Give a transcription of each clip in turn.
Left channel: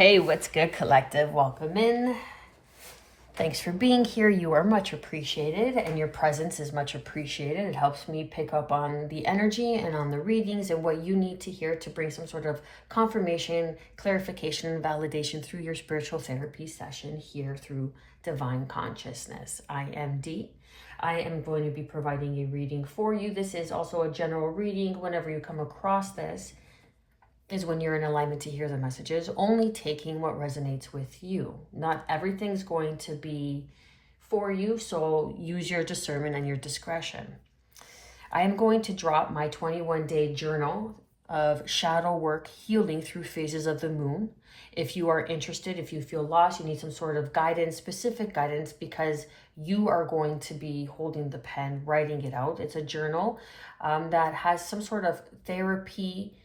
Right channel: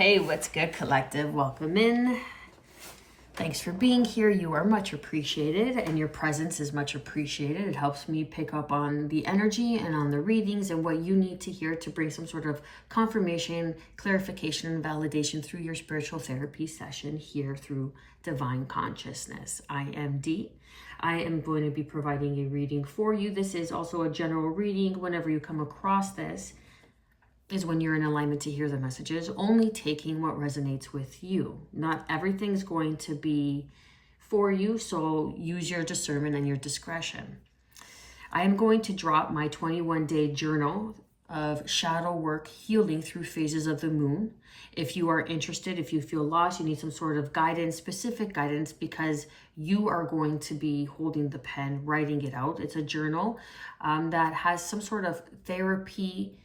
Hey, what's good, collective? Welcome in. Thanks for being here. You are much appreciated, and your presence is much appreciated. It helps me pick up on the energy and on the readings and what you need to hear to bring some sort of confirmation, clarification, and validation through your spiritual therapy session here through Divine Consciousness. I am Dee. I am going to be providing a reading for you. This is also a general reading. Whenever you come across this, is when you're in alignment to hear the messages, only taking what resonates with you. Not everything's going to be for you, so use your discernment and your discretion. I am going to drop my 21-day journal of shadow work healing through phases of the moon. If you are interested, if you feel lost, you need some sort of guidance, specific guidance, because you are going to be holding the pen, writing it out. It's a journal that has some sort of therapeutic,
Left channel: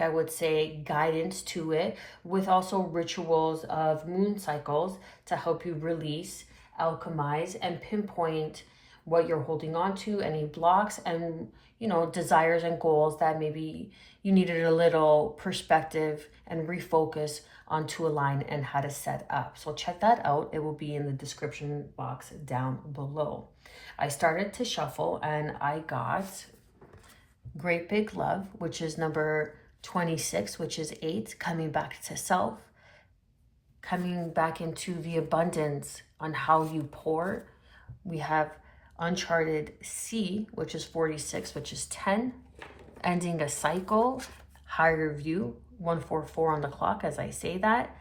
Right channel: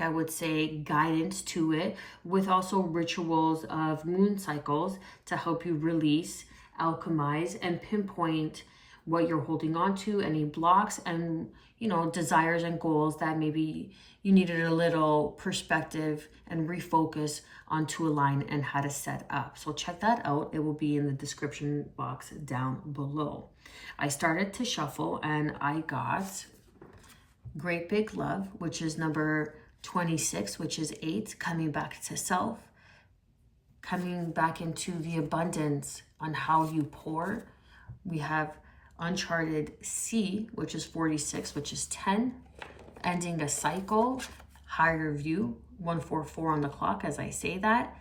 I would say, guidance to it, with also rituals of moon cycles to help you release, alchemize, and pinpoint what you're holding on to, any blocks and, desires and goals that maybe you needed a little perspective and refocus on to align and how to set up. So check that out. It will be in the description box down below. I started to shuffle and I got Great Big Love, which is number 26, which is 8, coming back to self, coming back into the abundance on how you pour. We have Uncharted C, which is 46, which is 10, ending a cycle, higher view, 144 on the clock as I say that.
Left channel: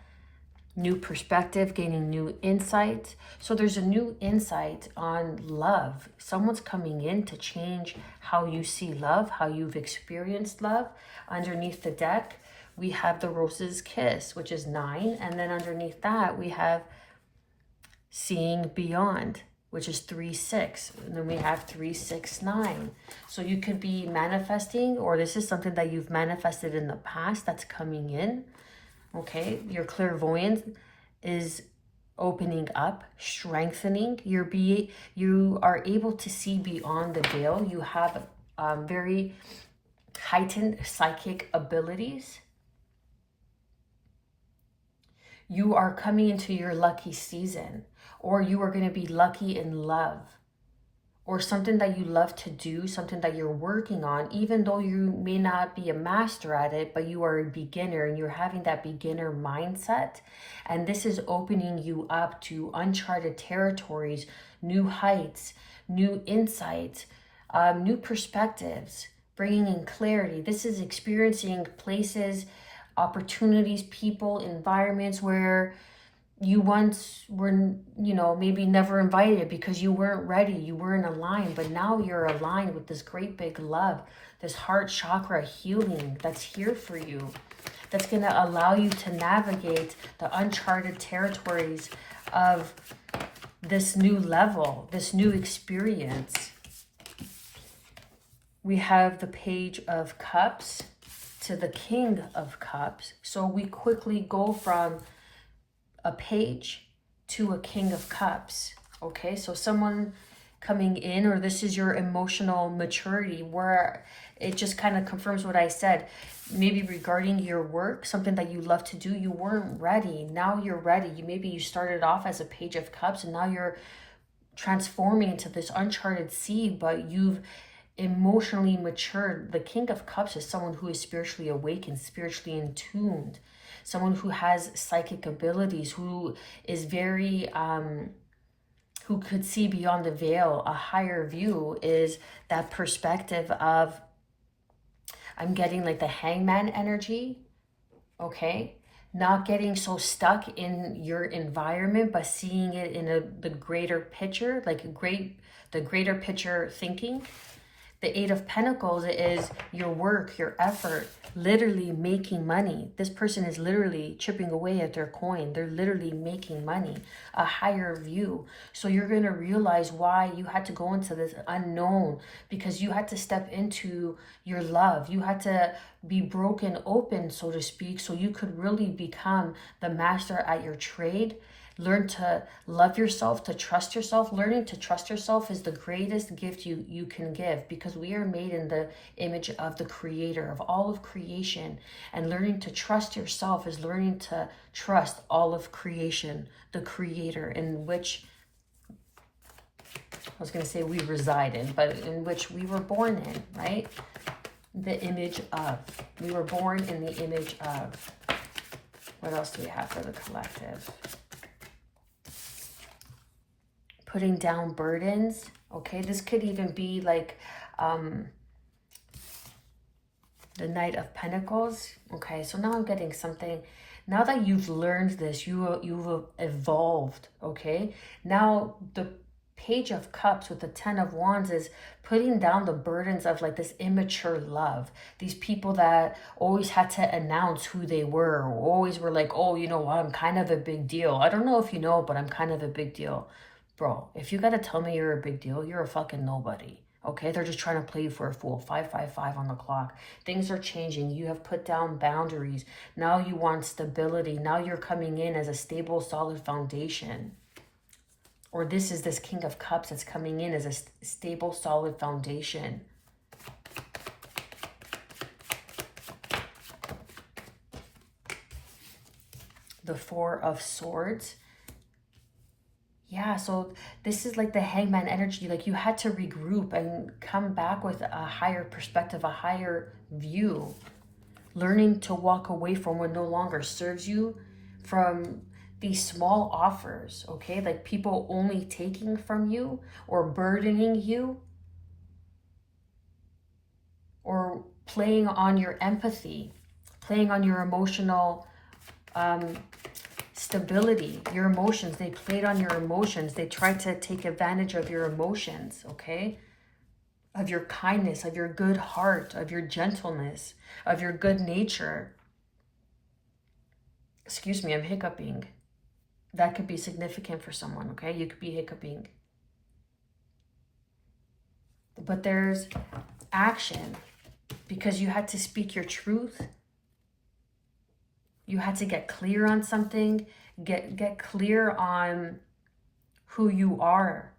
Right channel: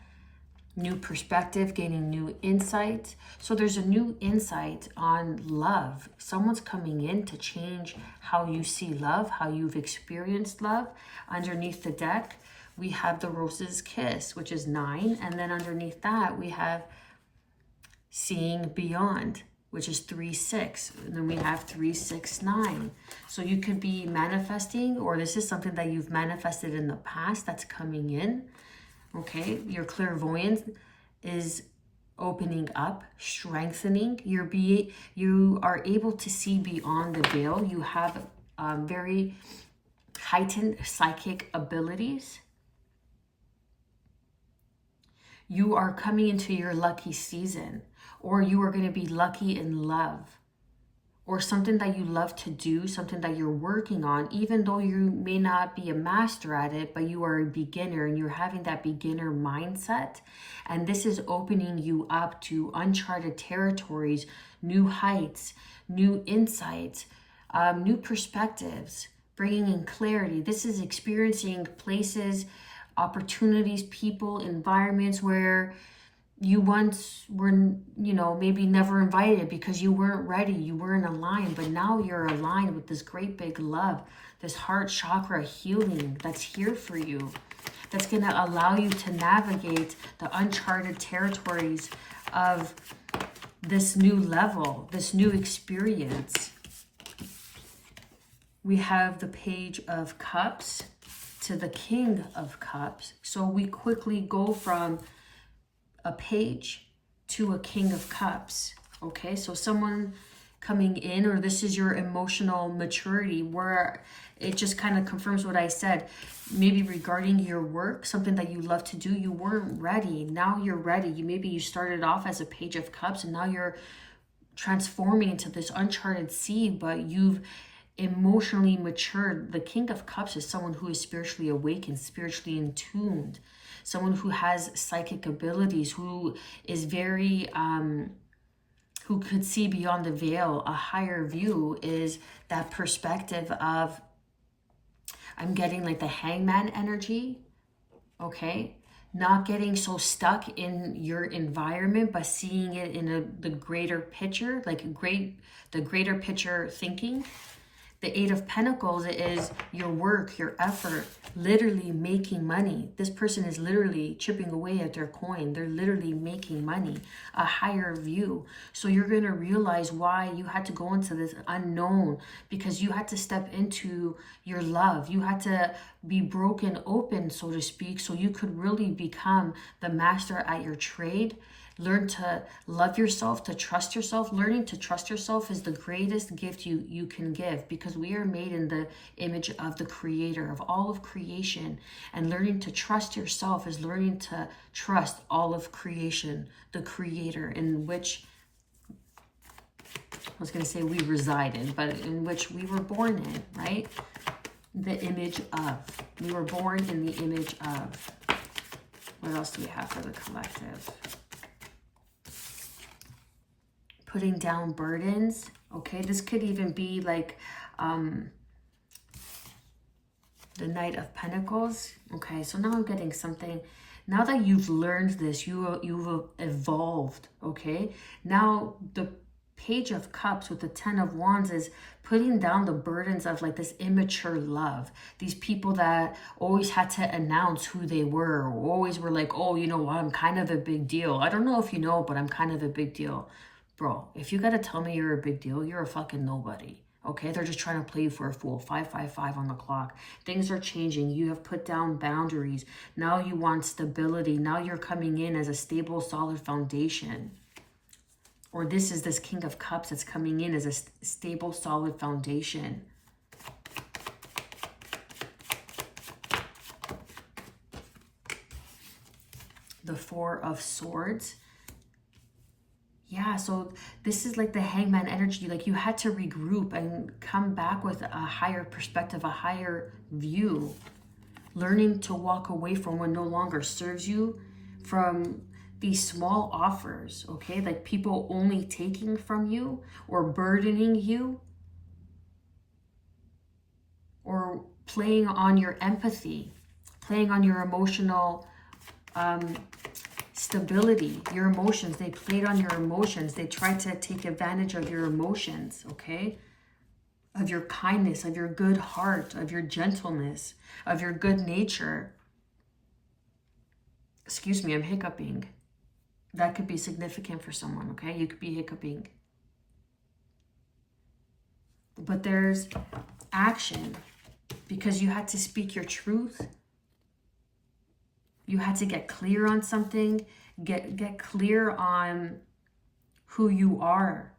New perspective, gaining new insight. So there's a new insight on love. Someone's coming in to change how you see love, how you've experienced love. Underneath the deck, we have the Rose's Kiss, which is 9. And then underneath that, we have Seeing Beyond, which is 3-6. And then we have 3-6-9. So you could be manifesting, or this is something that you've manifested in the past that's coming in. Okay, your clairvoyance is opening up, strengthening. You are able to see beyond the veil. You have very heightened psychic abilities. You are coming into your lucky season, or you are going to be lucky in love, or something that you love to do, something that you're working on, even though you may not be a master at it, but you are a beginner and you're having that beginner mindset. And this is opening you up to uncharted territories, new heights, new insights, new perspectives, bringing in clarity. This is experiencing places, opportunities, people, environments where you once were, maybe never invited because you weren't ready, you weren't aligned, but now you're aligned with this great big love, this heart chakra healing that's here for you, that's going to allow you to navigate the uncharted territories of this new level, this new experience. We have the Page of Cups to the King of Cups. So we quickly go from a page to a King of Cups. Okay, so someone coming in, or this is your emotional maturity, where it just kind of confirms what I said. Maybe regarding your work, something that you love to do, you weren't ready. Now you're ready. Maybe you started off as a Page of Cups and now you're transforming into this uncharted sea, but you've emotionally matured. The King of Cups is someone who is spiritually awakened, spiritually in tuned, someone who has psychic abilities, who is very who could see beyond the veil. A higher view is that perspective of, I'm getting like the Hangman energy. Okay, not getting so stuck in your environment, but seeing it in the greater picture, like the greater picture thinking. The Eight of Pentacles is your work, your effort, literally making money. This person is literally chipping away at their coin. They're literally making money, a higher view. So you're going to realize why you had to go into this unknown, because you had to step into your love. You had to be broken open, so to speak, so you could really become the master at your trade, Learn to love yourself, to trust yourself. Learning to trust yourself is the greatest gift you can give, because we are made in the image of the creator, of all of creation. And learning to trust yourself is learning to trust all of creation, the creator, in which, I was going to say we reside in, but in which we were born in, right? The image of. We were born in the image of. What else do we have for the collective? Putting down burdens. Okay, this could even be like the Knight of Pentacles. Okay, so now I'm getting something. Now that you've learned this, you've evolved. Okay, now the Page of Cups with the Ten of Wands is putting down the burdens of like this immature love. These people that always had to announce who they were, or always were like, oh, you know what, I'm kind of a big deal. I don't know if you know, but I'm kind of a big deal. Bro, if you gotta tell me you're a big deal, you're a fucking nobody. Okay, they're just trying to play you for a fool. 555 on the clock. Things are changing. You have put down boundaries. Now you want stability. Now you're coming in as a stable, solid foundation. Or this is this King of Cups that's coming in as a stable, solid foundation. The Four of Swords. Yeah, so this is like the Hangman energy. Like you had to regroup and come back with a higher perspective, a higher view. Learning to walk away from what no longer serves you, from these small offers, okay? Like people only taking from you or burdening you or playing on your empathy, playing on your emotional stability, your emotions. They played on your emotions. They tried to take advantage of your emotions, okay? Of your kindness, of your good heart, of your gentleness, of your good nature. Excuse me, I'm hiccuping. That could be significant for someone, okay? You could be hiccuping. But there's action, because you had to speak your truth. You had to get clear on something, get clear on who you are.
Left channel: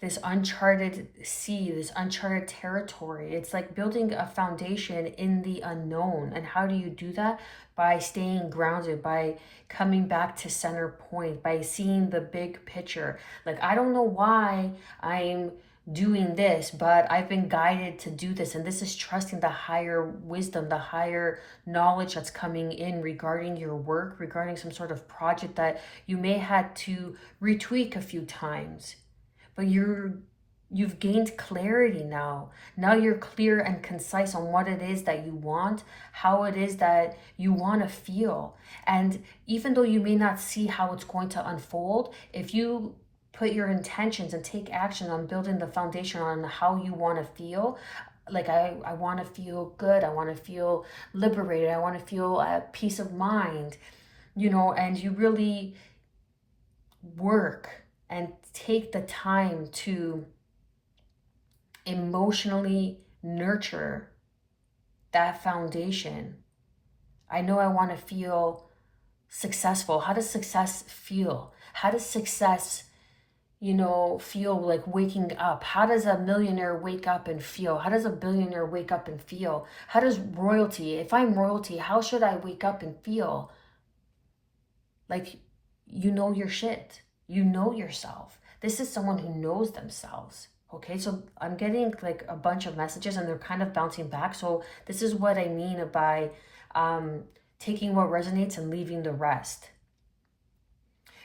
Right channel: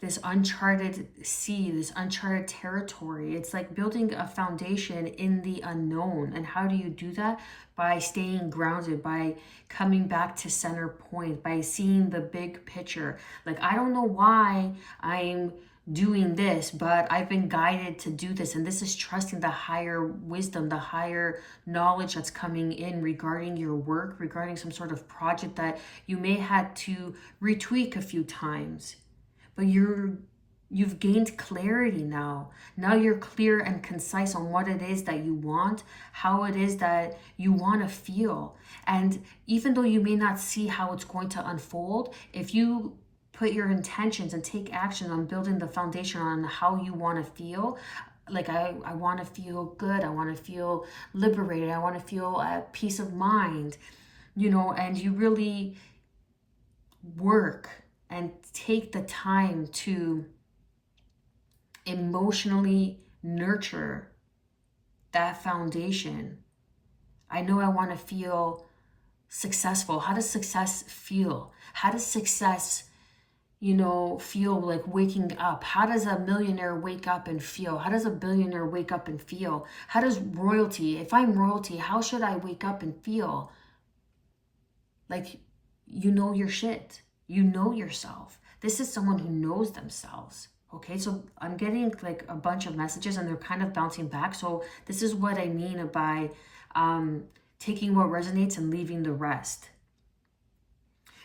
This uncharted sea, this uncharted territory. It's like building a foundation in the unknown. And how do you do that? By staying grounded, by coming back to center point, by seeing the big picture. Like, I don't know why I'm doing this, but I've been guided to do this. And this is trusting the higher wisdom, the higher knowledge that's coming in regarding your work, regarding some sort of project that you may had to retweak a few times. But you've gained clarity now. Now you're clear and concise on what it is that you want, how it is that you want to feel. And even though you may not see how it's going to unfold, if you put your intentions and take action on building the foundation on how you want to feel, like I want to feel good, I want to feel liberated, I want to feel peace of mind, you know, and you really work and take the time to emotionally nurture that foundation. I know I want to feel successful. How does success feel? How does success, you know, feel like waking up? How does a millionaire wake up and feel? How does a billionaire wake up and feel? How does royalty, if I'm royalty, how should I wake up and feel? Like, you know your shit. You know yourself. This is someone who knows themselves. Okay, so I'm getting like a bunch of messages and they're kind of bouncing back. So this is what I mean by taking what resonates and leaving the rest.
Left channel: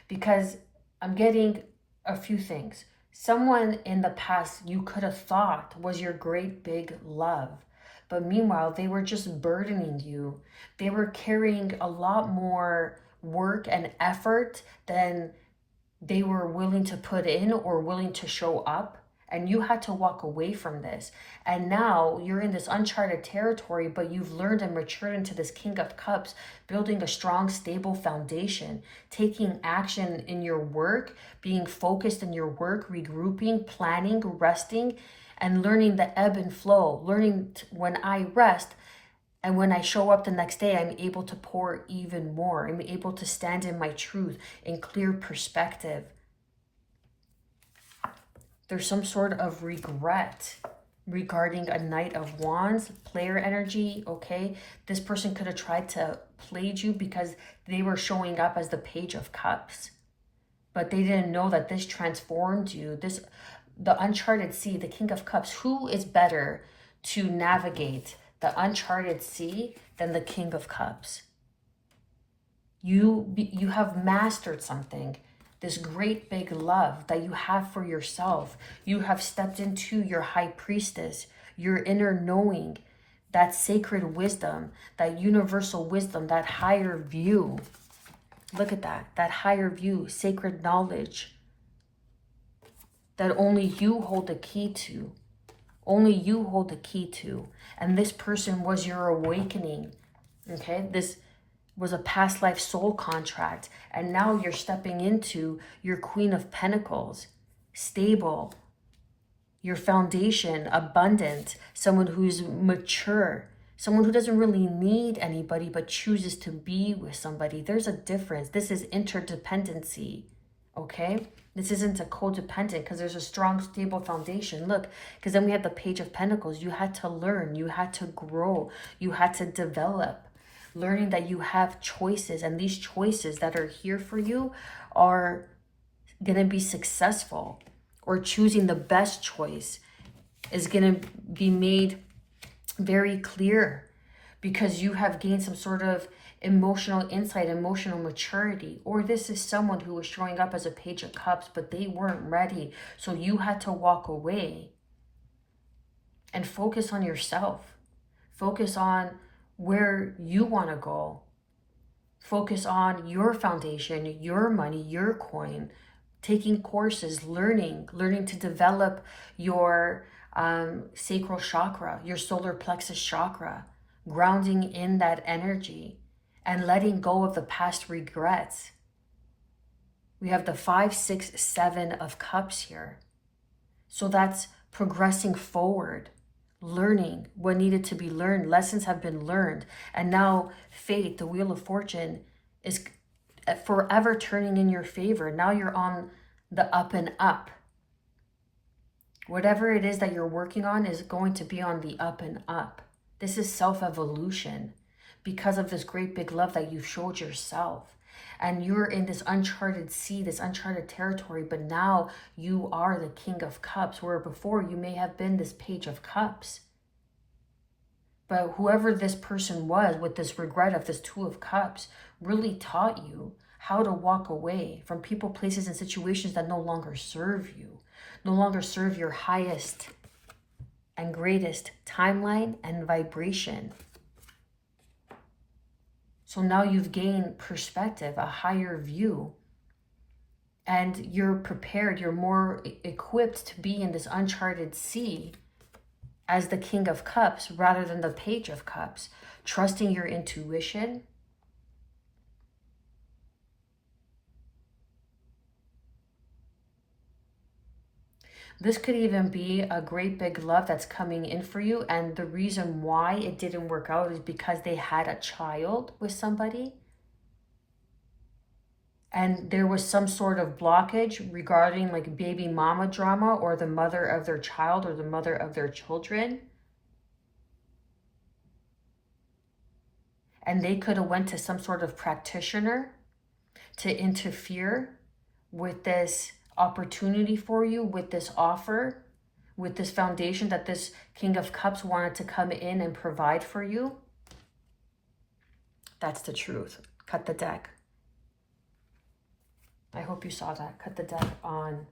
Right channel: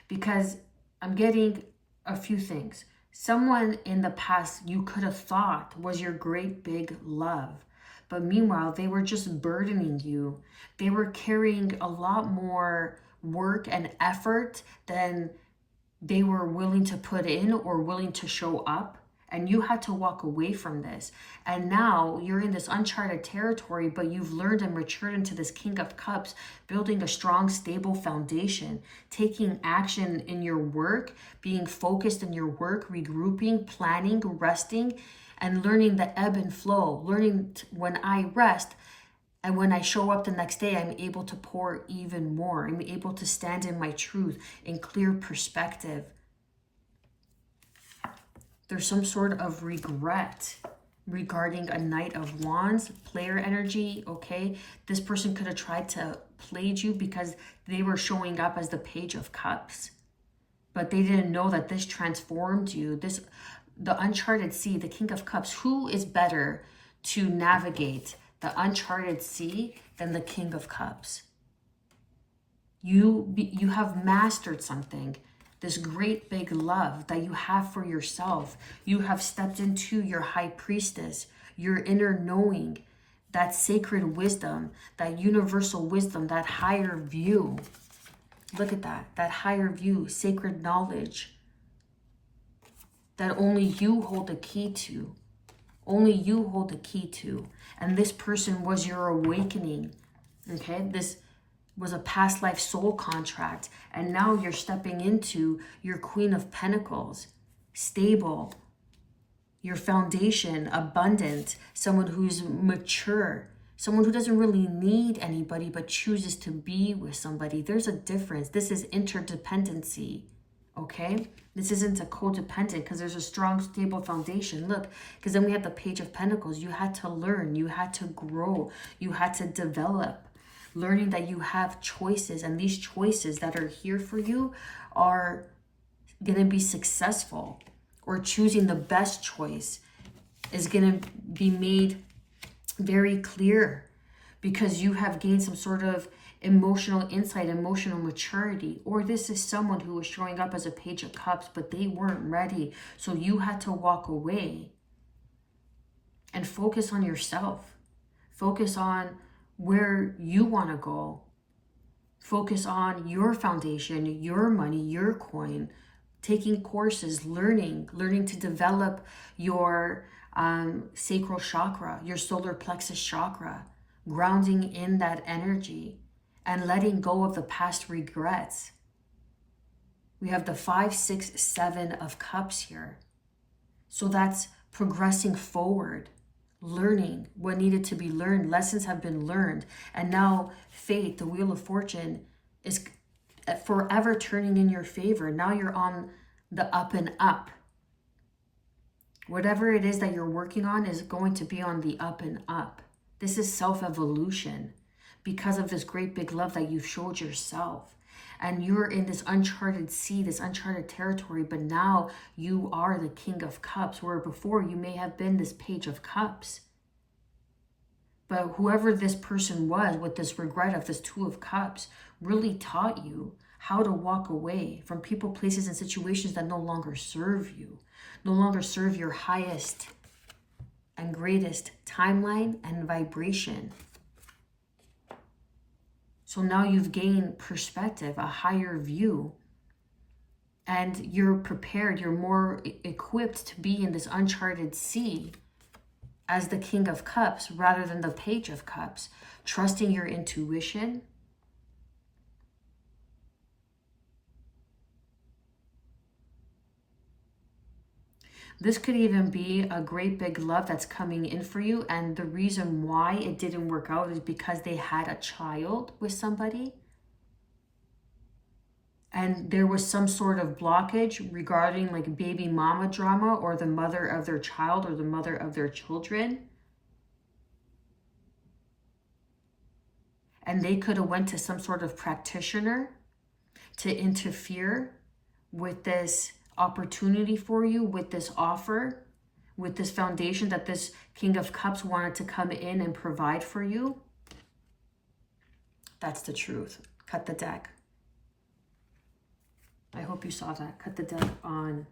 Because I'm getting a few things. Someone in the past you could have thought was your great big love. But meanwhile, they were just burdening you. They were carrying a lot more work and effort than they were willing to put in or willing to show up. And you had to walk away from this. And now you're in this uncharted territory, but you've learned and matured into this King of Cups, building a strong, stable foundation, taking action in your work, being focused in your work, regrouping, planning, resting, and learning the ebb and flow, learning when I rest And when I show up the next day, I'm able to pour even more. I'm able to stand in my truth in clear perspective. There's some sort of regret regarding a Knight of Wands, player energy, okay? This person could have tried to play you because they were showing up as the Page of Cups. But they didn't know that this transformed you. The uncharted sea, the King of Cups. Who is better to navigate the uncharted sea than the King of Cups? You have mastered something. This great big love that you have for yourself. You have stepped into your high priestess, your inner knowing, that sacred wisdom, that universal wisdom, that higher view. Look at that higher view, sacred knowledge that only you hold the key to. Only you hold the key to. And this person was your awakening, okay? This was a past life soul contract. And now you're stepping into your Queen of Pentacles, stable, your foundation, abundant, someone who's mature, someone who doesn't really need anybody but chooses to be with somebody. There's a difference. This is interdependency, okay? This isn't a codependent because there's a strong, stable foundation. Look, because then we have the Page of Pentacles. You had to learn. You had to grow. You had to develop. Learning that you have choices, and these choices that are here for you are going to be successful, or choosing the best choice is going to be made very clear because you have gained some sort of emotional insight, emotional maturity. Or this is someone who was showing up as a Page of Cups, but they weren't ready. So you had to walk away and focus on yourself. Focus on where you want to go. Focus on your foundation, your money, your coin, taking courses, learning to develop your sacral chakra, your solar plexus chakra, grounding in that energy and letting go of the past regrets. We have the 5, 6, 7 of cups here. So that's progressing forward, learning what needed to be learned. Lessons have been learned. And now fate, the Wheel of Fortune, is forever turning in your favor. Now you're on the up and up. Whatever it is that you're working on is going to be on the up and up. This is self-evolution because of this great big love that you've showed yourself. And you're in this uncharted sea, this uncharted territory, but now you are the King of Cups, where before you may have been this Page of Cups. But whoever this person was with this regret of this 2 of Cups really taught you how to walk away from people, places, and situations that no longer serve you, no longer serve your highest and greatest timeline and vibration. So now you've gained perspective, a higher view, and you're prepared, you're more equipped to be in this uncharted sea as the King of Cups rather than the Page of Cups, trusting your intuition. This could even be a great big love that's coming in for you. And the reason why it didn't work out is because they had a child with somebody. And there was some sort of blockage regarding like baby mama drama, or the mother of their child, or the mother of their children. And they could have went to some sort of practitioner to interfere with this opportunity for you, with this offer, with this foundation that this King of Cups wanted to come in and provide for you. That's the truth. Cut the deck. I hope you saw that. Cut the deck on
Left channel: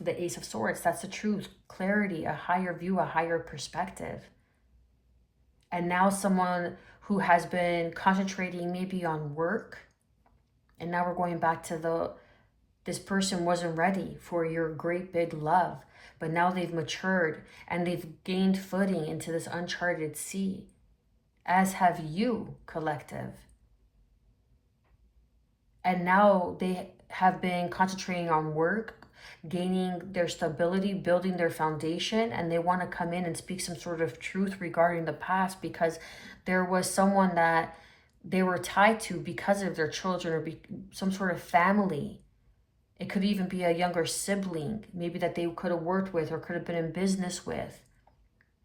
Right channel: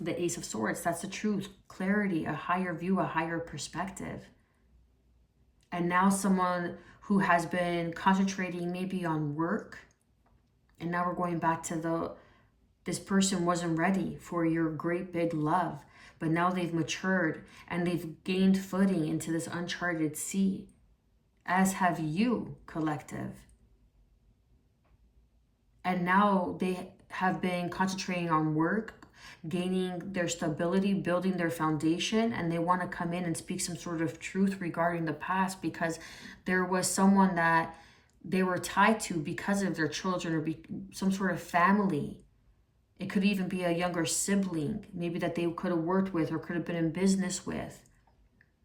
the Ace of Swords. That's the truth. Clarity, a higher view, a higher perspective. And now someone who has been concentrating maybe on work, and now we're going back to this person wasn't ready for your great big love, but now they've matured and they've gained footing into this uncharted sea, as have you, collective. And now they have been concentrating on work, gaining their stability, building their foundation, and they want to come in and speak some sort of truth regarding the past, because there was someone that they were tied to because of their children, or some sort of family. It could even be a younger sibling, maybe that they could have worked with or could have been in business with.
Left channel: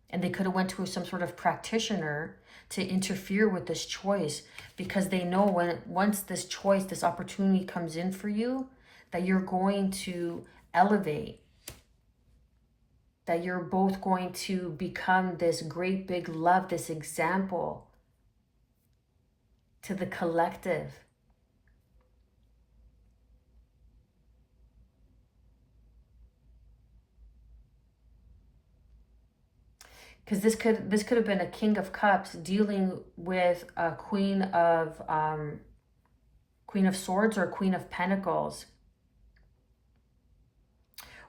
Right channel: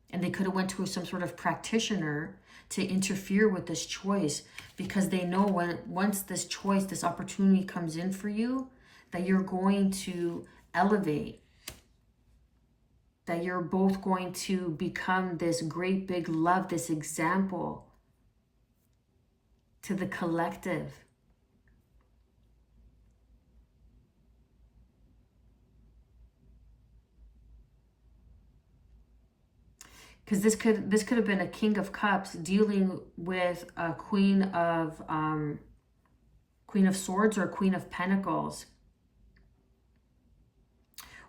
And they could have went to some sort of practitioner to interfere with this choice, because they know once this choice, this opportunity comes in for you, that you're going to elevate, that you're both going to become this great big love, this example to the collective. Because this could have been a King of Cups dealing with a Queen of Swords or Queen of Pentacles,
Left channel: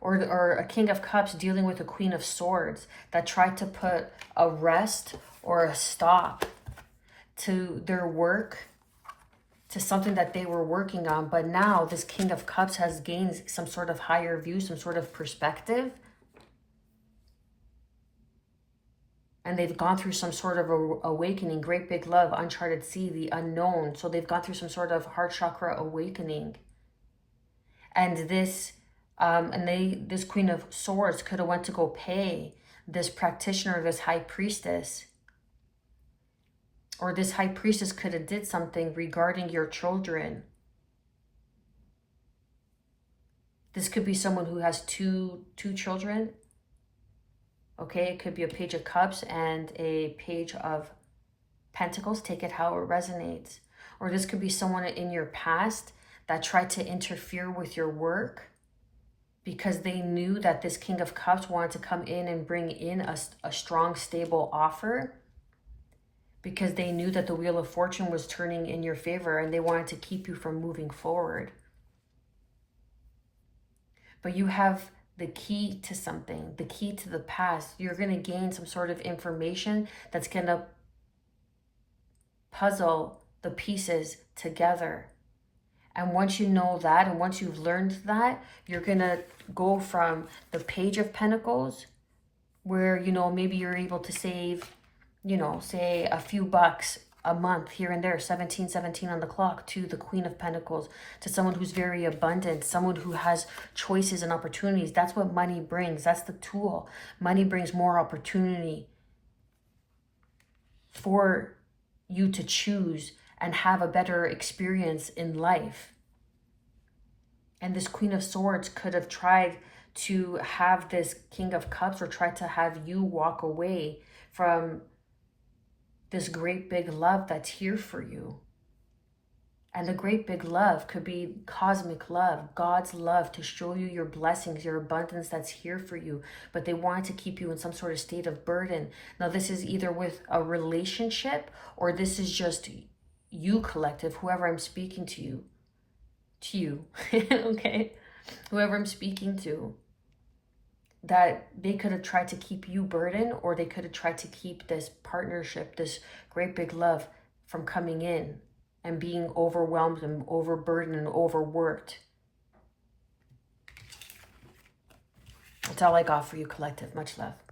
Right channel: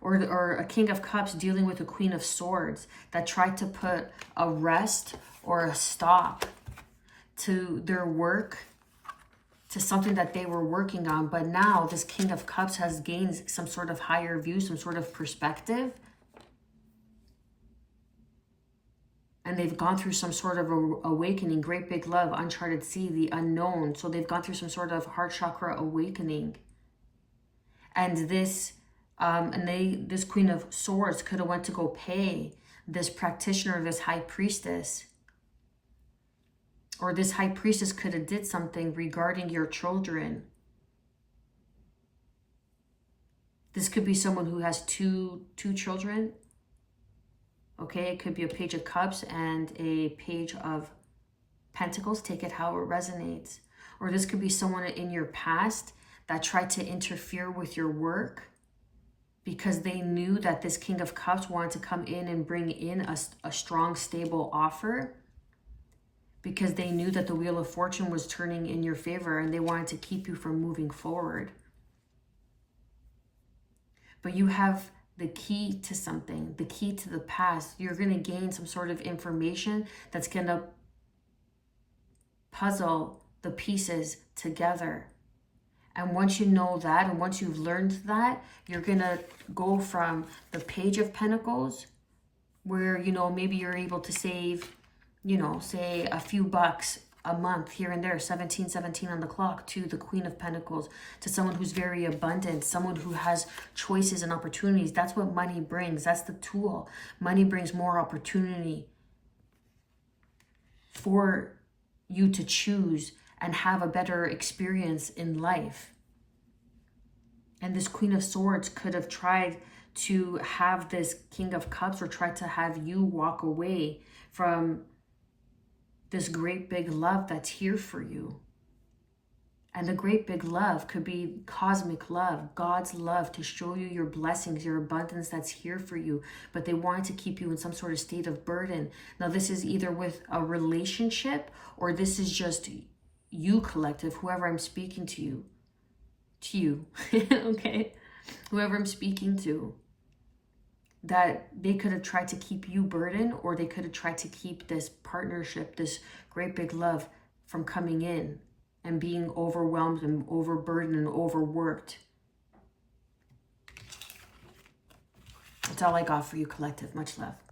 or a King of Cups dealing with a Queen of Swords that tried to put a rest or a stop to their work, to something that they were working on. But now this King of Cups has gained some sort of higher view, some sort of perspective. And they've gone through some sort of awakening, great big love, uncharted sea, the unknown. So they've gone through some sort of heart chakra awakening. And this Queen of Swords could have went to go pay this practitioner, this high priestess. Or this high priestess could have did something regarding your children. This could be someone who has two children. Okay, it could be a Page of Cups and a Page of Pentacles. Take it how it resonates. Or this could be someone in your past that tried to interfere with your work, because they knew that this King of Cups wanted to come in and bring in a strong, stable offer, because they knew that the Wheel of Fortune was turning in your favor and they wanted to keep you from moving forward. But you have the key to something, the key to the past. You're going to gain some sort of information that's going to puzzle the pieces together. And once you know that, and once you've learned that, you're going to go from the Page of Pentacles, where, you know, maybe you're able to save, you know, say a few bucks a month here and there, 17 on the clock, to the Queen of Pentacles, to someone who's very abundant, someone who has choices and opportunities. That's what money brings. That's the tool. Money brings more opportunity for you to choose and have a better experience in life. And this Queen of Swords could have tried to have this King of Cups, or tried to have you walk away from this great big love that's here for you. And the great big love could be cosmic love, God's love, to show you your blessings, your abundance that's here for you. But they wanted to keep you in some sort of state of burden. Now, this is either with a relationship, or this is just you, collective, whoever I'm speaking to you. Okay? Whoever I'm speaking to. That they could have tried to keep you burdened, or they could have tried to keep this partnership, this great big love, from coming in and being overwhelmed and overburdened and overworked. That's all I got for you, collective. Much love.